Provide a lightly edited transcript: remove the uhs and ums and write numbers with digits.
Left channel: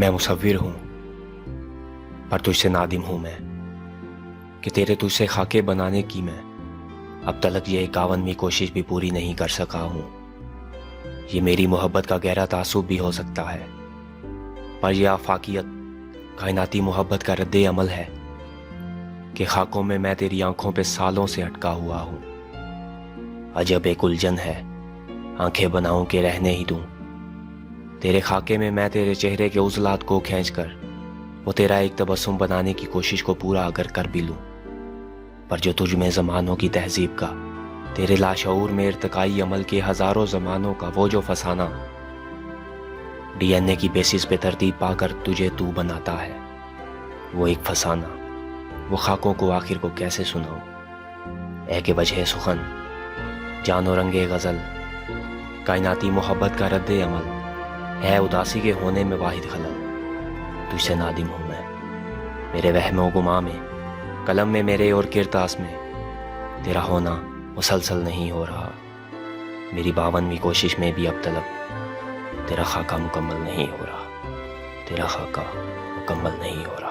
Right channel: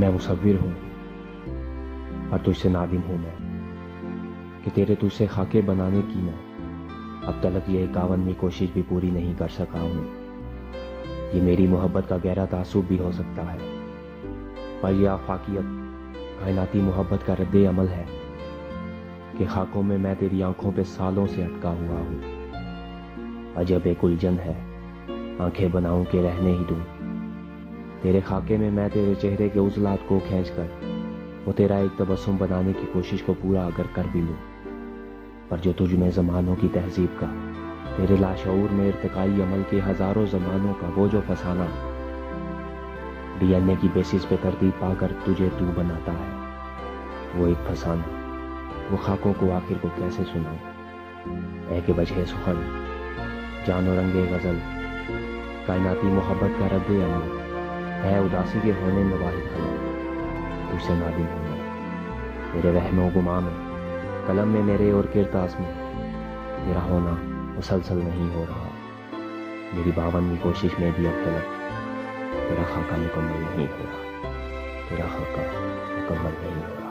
मैं मुसव्विर हूँ पर तुझसे नादिम हूँ मैं कि तेरे तुझसे खाके बनाने की मैं अब तक ये 51वीं कोशिश भी पूरी नहीं कर सका हूँ। ये मेरी मोहब्बत का गहरा तासुब भी हो सकता है, पर यह आफाकियत कायनाती मोहब्बत का रद्द अमल है कि खाकों में मैं तेरी आंखों पे सालों से अटका हुआ हूँ। अजब एक उलझन है, आंखें बनाऊं के रहने ही दूं। तेरे खाके में मैं तेरे चेहरे के उजलात को खींच कर वो तेरा एक तबस्सुम बनाने की कोशिश को पूरा अगर कर भी लूं, पर जो तुझ में ज़मानों की तहजीब का, तेरे लाशऊर में इर्तिकाई अमल के हज़ारों ज़मानों का वो जो फसाना डीएनए की बेसिस पे तरतीब पाकर तुझे तू बनाता है, वो एक फसाना, वो खाकों को आखिर को कैसे सुनाऊं। ऐ के वजह सुखन, जानो रंगे गज़ल, कायनाती मोहब्बत का रद्द अमल है उदासी के होने में वाहिद खलल। तुझसे नादिम हूँ मैं, मेरे वहमो गुमा में, कलम में मेरे और किरतास में तेरा होना मुसलसल नहीं हो रहा। मेरी 52वीं कोशिश में भी अब तक तेरा खाका मुकम्मल नहीं हो रहा, तेरा खाका मुकम्मल नहीं हो रहा।